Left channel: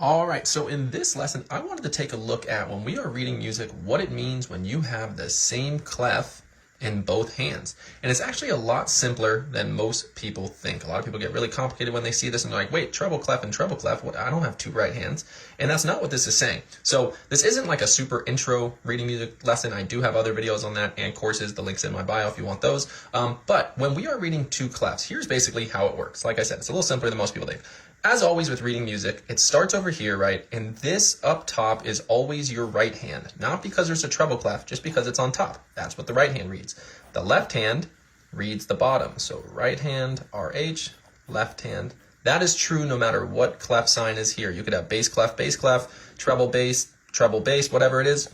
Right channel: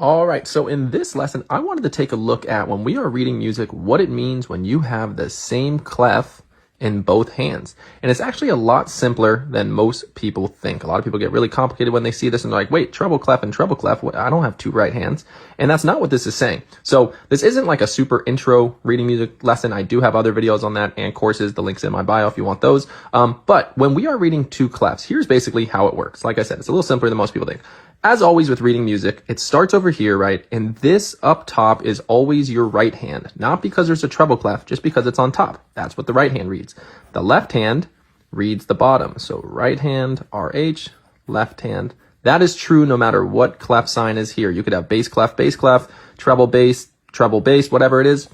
All right, so in this lesson, I wanted to take a look at when we are reading music, what it means when you have the same clef in both hands. And it's actually a lot simpler than most people think. A lot of people get really complicated when they see this and they're like, wait, treble clef and treble clef, I don't have two right hands. And that's not what this is saying. So this isn't like a super intro reading music lesson. I do have other videos on that and courses. The link's in my bio if you want those. But when we are reading two clefs, here's basically how it works. Like I said, it's a little simpler than most people think. As always with reading music, it starts over here, right? And this up top is always your right hand. Not because there's a treble clef, just because it's on top. That's what the right hand reads. The left hand reads the bottom. So right hand, RH, left hand. That is true no matter what clef sign is here. You could have bass clef, treble bass, whatever it is.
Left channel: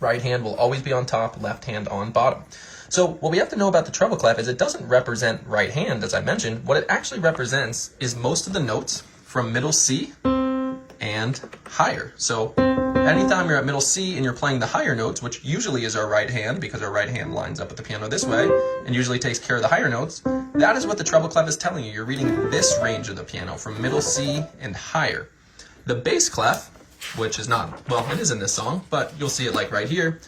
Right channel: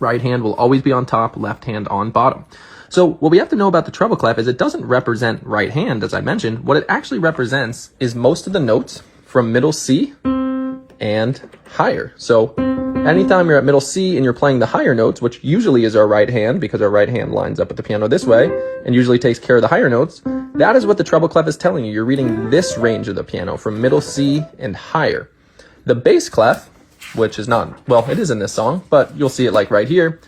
Right hand will always be on top, left hand on bottom. So what we have to know about the treble clef is it doesn't represent right hand, as I mentioned. What it actually represents is most of the notes from middle C and higher. So anytime you're at middle C and you're playing the higher notes, which usually is our right hand because our right hand lines up with the piano this way and usually takes care of the higher notes, that is what the treble clef is telling you. You're reading this range of the piano from middle C and higher. The bass clef, which is not, well, it is in this song, but you'll see it like right here,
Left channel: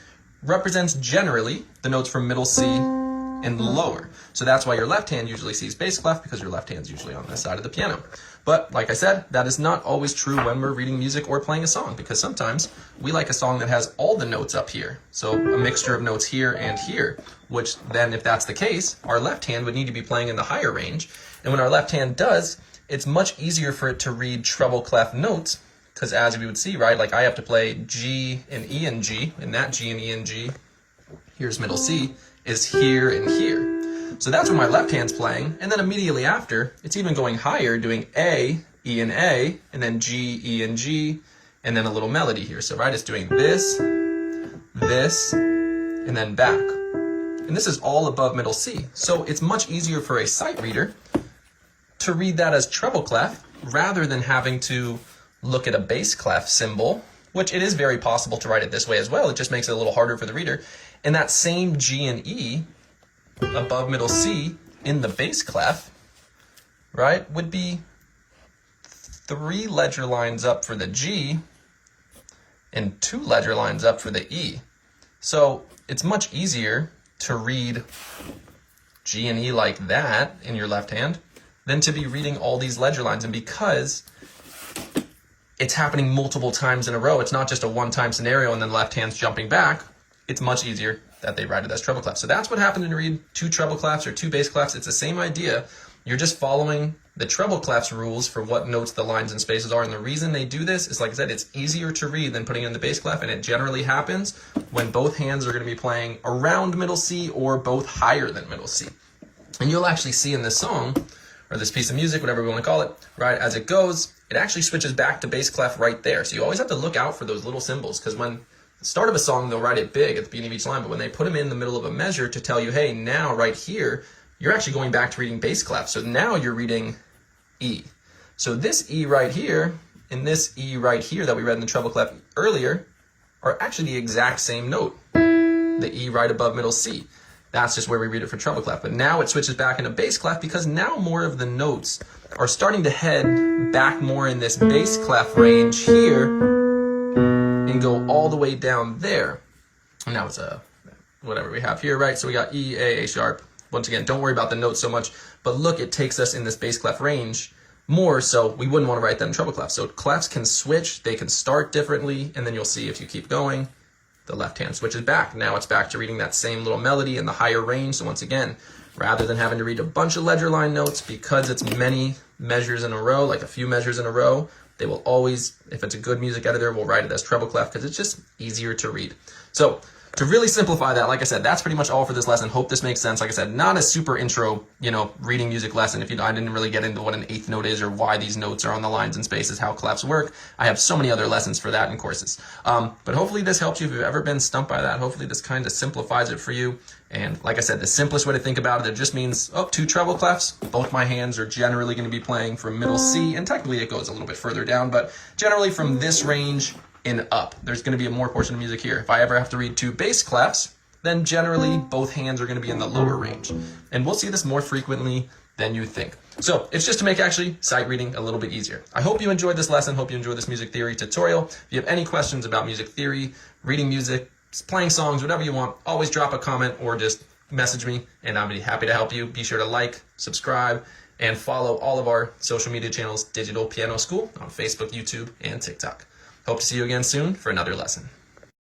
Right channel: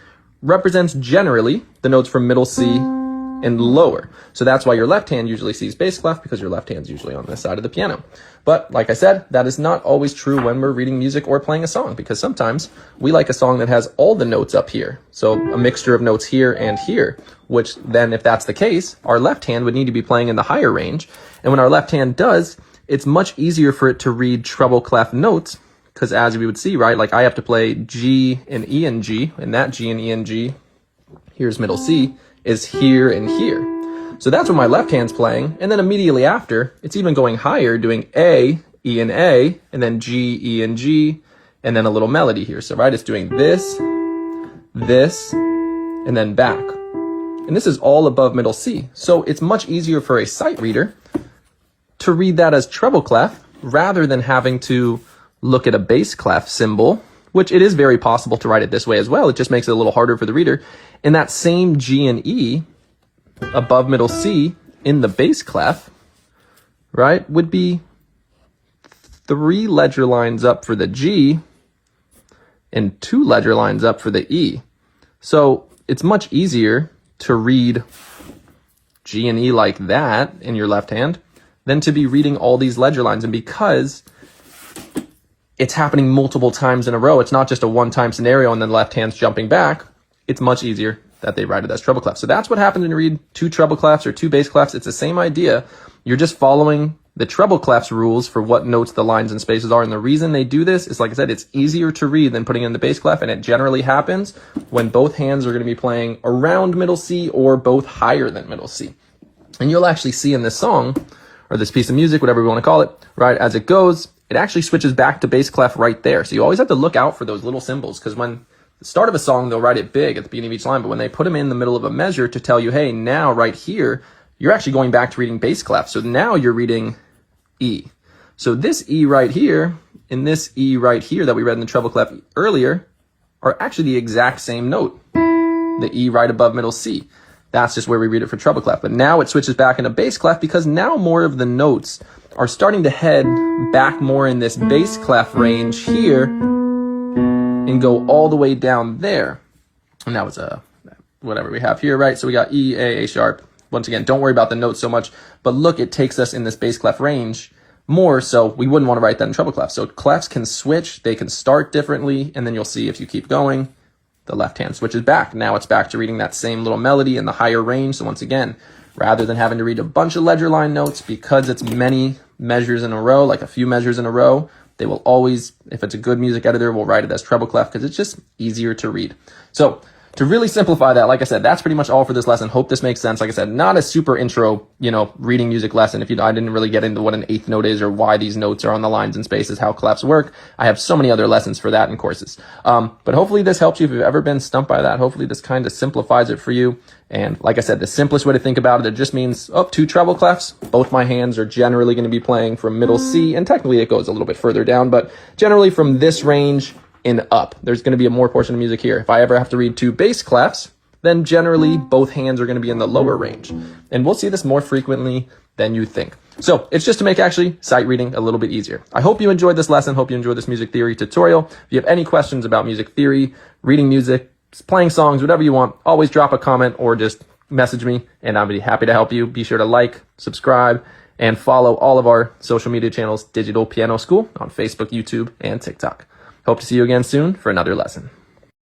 represents generally the notes from middle C and lower. So that's why your left hand usually sees bass clef, because your left hand's usually on this side of the piano. But like I said, that is not always true when we're reading music or playing a song, because sometimes we like a song that has all the notes up here. So a mixture of notes here and here, which then if that's the case, our left hand would need to be playing in the higher range. And when our left hand does, it's much easier for it to read treble clef notes, because as we would see, right, like I have to play G and E and G, and that G and E and G, here's middle C, is here and here. So that's what my left hand's playing, and then immediately after, it's even going higher, doing A, E and A, and then G, E and G, and then a little melody here. So right, it's doing this, and then back. And this is all above middle C. So it's much easier for a sight reader to read that as treble clef, rather than having to look at a bass clef symbol, which it is very possible to write it this way as well. It just makes it a little harder for the reader. And that same G and E above middle C in the bass clef, right, would be 3 ledger lines up for the G and 2 ledger lines up for the E. So it's much easier to read G and E like that in your left hand than to be reading all these ledger lines. And because it's happening multiple times in a row, it's not just a one-time scenario and then left hand's jumping back, it's much easier that they write it as treble clef. So that's what happens when you read 2 treble clefs or 2 bass clefs. It's the same idea. You're just following the treble clefs rules for what notes the lines and spaces are. And the reason they do this is, like I said, it's easier to read than putting in the bass clef, and it generally happens when both hands are going to be playing around middle C or both higher than middle C. And you'll actually see in this song, or this piece of music, whatever we want to call it, right, as it goes, it actually switches back to bass clef right there. So you always have to look out for those little symbols, because when the start of a song, they'll write it big at the beginning of each line, but when they put them in the middle of a measure to tell you, hey, now right here, you're actually going back to reading bass clef. So now you're reading E. So this E right here and this E right here that we read in the treble clef earlier are actually the exact same note, the E right above middle C. That's just where we read it for treble clef. But now it switches back into bass clef, because now more of the notes are starting to head back more in this bass clef range here and go all the way down there. And that was whatever we have here, right? So we got E, A sharp. Once again, don't worry about the notes so much, but look, it takes us in this bass clef range more, so we wouldn't want to write that in treble clef. So clefs can switch, they can start differently, and then you'll see if you keep going, the left hand switches back. Now it's back to reading that same little melody in the higher range. So once again, rather than having to read a bunch of ledger line notes, because it's many measures in a row, like a few measures in a row, they will always, if it's a good music editor, will write it as treble clef, because it's just easier to read. So to really simplify that, like I said, that's pretty much all for this lesson. Hope this makes sense. Like I said, not a super intro, reading music lesson. If I didn't really get into what an eighth note is or why these notes are on the lines and spaces, how clefs work. I have so many other lessons for that in courses. But hopefully this helps you if you've ever been stumped by that. Hopefully this kind of simplifies it for you. And like I said, the simplest way to think about it just means, 2 treble clefs. Both my hands are generally going to be playing from middle C, and technically it goes a little bit further down, but generally from this range and up. There's going to be a more portion of music here. If I ever have to read 2 bass clefs, then generally both hands are going to be in the lower range. And we'll see this more frequently than you think. So it's just to make actually sight reading a little bit easier. I hope you enjoyed this lesson. Hope you enjoyed this music theory tutorial. If you have any questions about music theory, reading music, playing songs, whatever you want, always drop a comment or just message me and I'll be happy to help you. Be sure to like, subscribe, and follow all of our social media channels, Digital Piano School, on Facebook, YouTube, and TikTok. Hope to see you again soon for another lesson.